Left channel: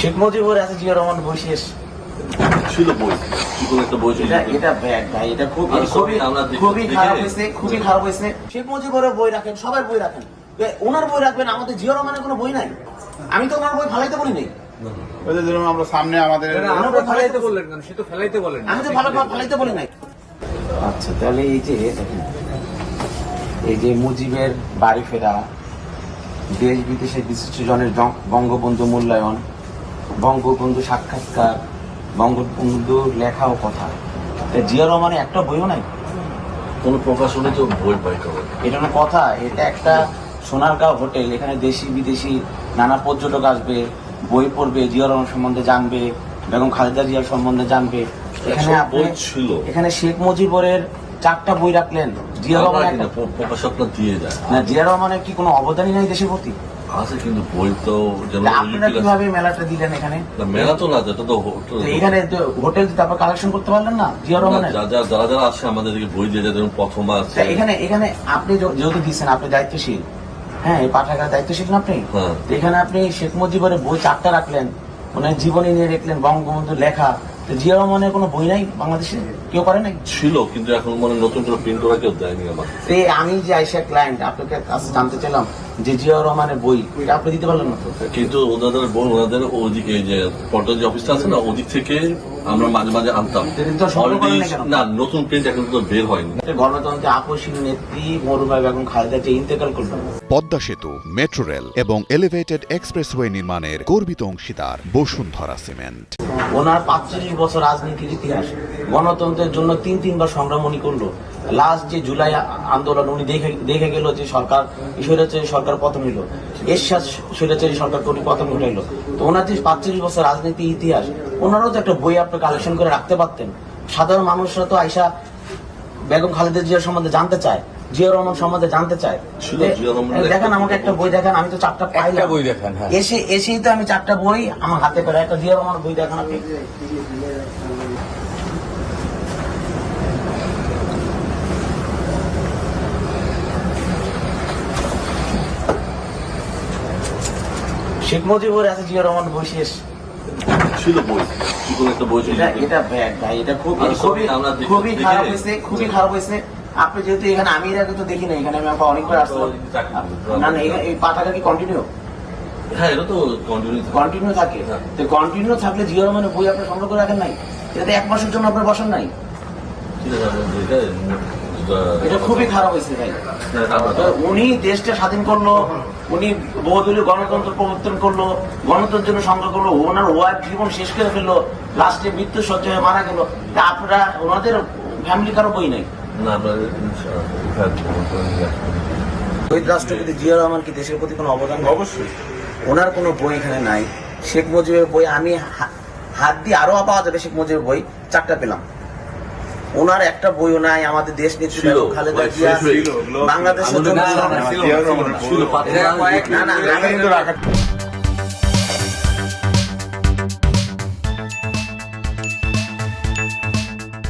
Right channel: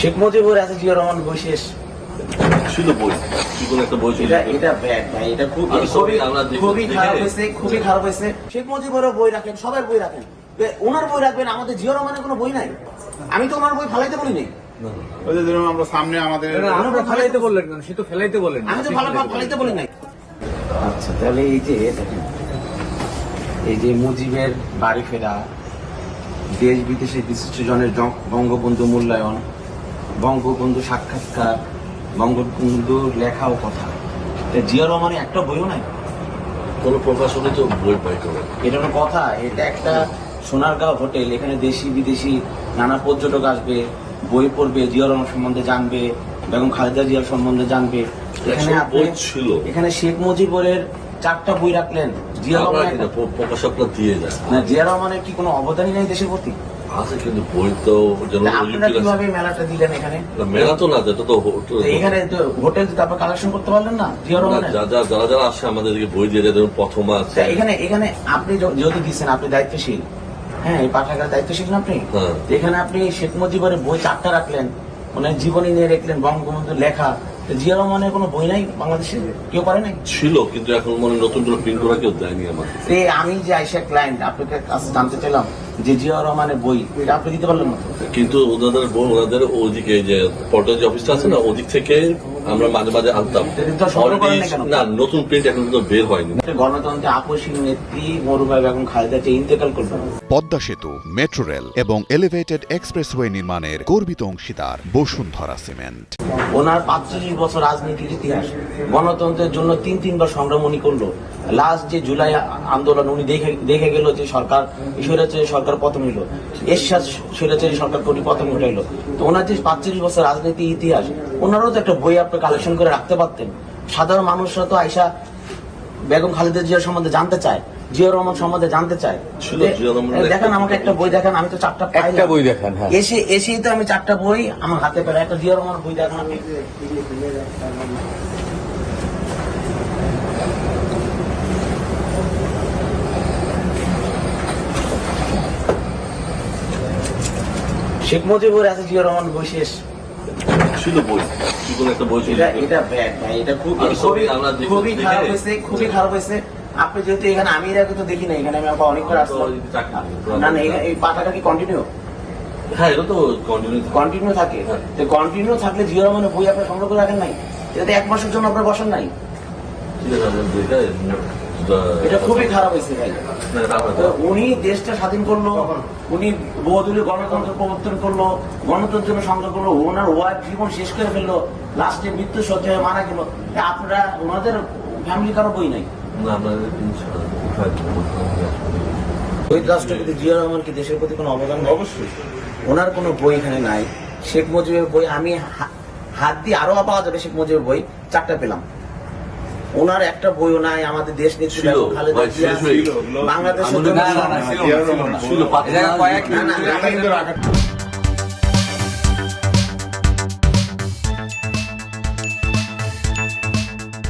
শেখ মুজিবুর আছে জিয়া রহমান বই শেষ। শুধু বই একটা বই এটা ব্যাগ ভাই, এটা খুবই খারাপ হয়েছে, খুবই খারাপ হয়েছে। শেখ মুজিবুরের বই রাখেন, সবার বই রাখেন, ওনার বই রাখবেন, আমাদের জিয়া রহমানের কোনো বই নাই। আমি তো ওনার বই ফালাইতে বলি নাই। আমরা সামনে আমাদের ফালাইতে বললেন কেন? সে তো ফেলাইতে বলেন। আমি তো ফালাইতে বলি নাই। আচ্ছা, তাহলে এই যে দেখেন, এই যে মুজিবের বাড়ি ফেরা, দেশ বিদেশে বিশিষ্ট জনের বঙ্গবন্ধু মূল্যায়ন, বঙ্গবন্ধু সাক্ষাৎকার, বঙ্গবন্ধুর লেখা ও কথা, জিয়া রহমানের একটা বইও নাই। কোন প্রকাশনে তো বই পাইতে হবে, এটা কথা। এটা একটা সোনারগাঁও হোটেল, এখানে দেশি বিদেশি নানা পর্যটক আসবে, বই পড়বে, জিয়া রহমান সম্বন্ধে জানবে, বেগম খালেদা জিয়ার সম্বন্ধে জানবে। এখানে শেখ মুজিবুরের 4টা বই রাখলেন, জিয়া রহমানের প্রকাশকরা দিয়ে যায় না। জিয়া রহমানের কি কোনো অবদানই নাই দেশের প্রতি? আছে, কিন্তু বই তো আপনারা কিভাবে মেলাটা দিলেন? এখানে মেলা তো না, যেটা তো এখানে হোটেল তারপর কালেকশন করতে পারলেন না জিয়া রহমানের? যারা আসে আমাদেরকে বই দিয়ে যেমন প্রথম আছে। এখানে আপনি যেহেতু দিচ্ছেন, আপনি দায়িত্বশীল, হ্যাঁ, এই পাঠাগার দায়িত্বশীল না আপনি? এখানে আপনি শেখ মুজিবুরের বই 4টা রাখলেন, মানে জীবনী নিয়ে রাখলেন, বঙ্গবন্ধুর লেখা। জিয়া রহমানের কোনো বই নাই বাংলাদেশে? কেউ করে নাই? ছিল, কিন্তু এখন মানে নতুন করে প্রিন্ট করা কেউ দেয়নি আমার। আমি যে আইসা ক্লায়েন্ট আপনাকে কাছে জানতে চাইলাম যে জিয়া রহমানের বই আপনি দিতে পারলেন না। কিন্তু ওনাদের ওদিকে যে পর্টাল যে অফিসটা আছে না, ওদিক থেকে আমরা মাঝে মাঝে আনতাম। না, নতুন প্রিন্ট এখন তো বের হয়নি। গণতন্ত্রের আকর্ষণ নেত্রী মরুভাই বেগম খালেদা জিয়া ইন্তেকাল করলেন। পদ্মা সেতু, মেট্রো রেল এবং এলিভেটেড এক্সপ্রেসওয়ে নির্মাণের গর্বিত অংশীদার বসুন্ধরা সিমেন্ট। ওনার 45 বছর রাজনীতির ইতিহাস, গণতন্ত্রের জন্য 3বার সংগ্রাম উনি করলো। লাস্ট যে জুলাই আন্দোলন উনি দেখে গেল যে সরকার স্বৈরাচারী সরকার পতন হইল, এরশাদ স্বৈরাচারী সরকার পতন হইল। তো ওনার যে 45 বছর রাজনীতির ইতিহাস, ওনারও তো একটা বই আপনি কালেকশন করে রাখতে পারতেন। সাধারণ মানুষরা তো আইসা বেগম খালেদা জিয়ার সম্বন্ধে জানতে চায়, জিয়া রহমান সম্বন্ধে জানতে চায়। দেখেন আমাকে একটা বই দেখান, আমি তো 4টা পাইলাম। বই দেখান, এসেই তো আমি 4টা বই আমার হাতে পাই। একটা জিয়া রহমান বই দেখান আপনি। শেখ মুজিবুর আছে জিয়া রহমান বই শেষ। শুধু বই একটা বই এটা ব্যাগ ভাই, এটা খুবই খারাপ হয়েছে, খুবই খারাপ হয়েছে। আপনি যেহেতু এখানে, আমি এর আগে তো দেখি না, এখানে আমি অনেকবার আসলাম। না না, এই পাতাটা কি কন্টিনিউ? হ্যাঁ, এটা তো কন্টিনিউ থাকে। তো কন্টিনিউ থাকলে জিও রহমানের বই আপনি সংগ্রহ করে রাখেন নাই? এটা 1 মাসের জন্য আপনার বসেন নাই? এটা খুবই খারাপ হয়েছে ভাই। উনি দেশটা স্বাধীন করলো, উনি বহুদলীয় গণতন্ত্র প্রবর্তন করলো, গণতন্ত্রের জন্য সংগ্রাম করলো, ওনার ওয়াইফ জীবন শেষ করে ফেললো, লাস্টে মৃত্যু সজ্জায় মারা গেল। তা আপনারা ওনাদের ফ্যামিলি কারো বই নাই? শহীদ রাষ্ট্রপতি জিয়া রহমান কি দেশের প্রতি কোনো অবদান? অবশ্যই। ওনার কোনো বই এখানে নাই। শেখ মুজিবের বই আমি হাত দিয়ে আরো পাওয়া যাবে। শেখ মুজিবের বই 4টা পেলাম, ওনার একটা বইও নাই। আমাদের দেশ নেত্রী বেগম খালেদা জিয়া বাংলাদেশের জন্য না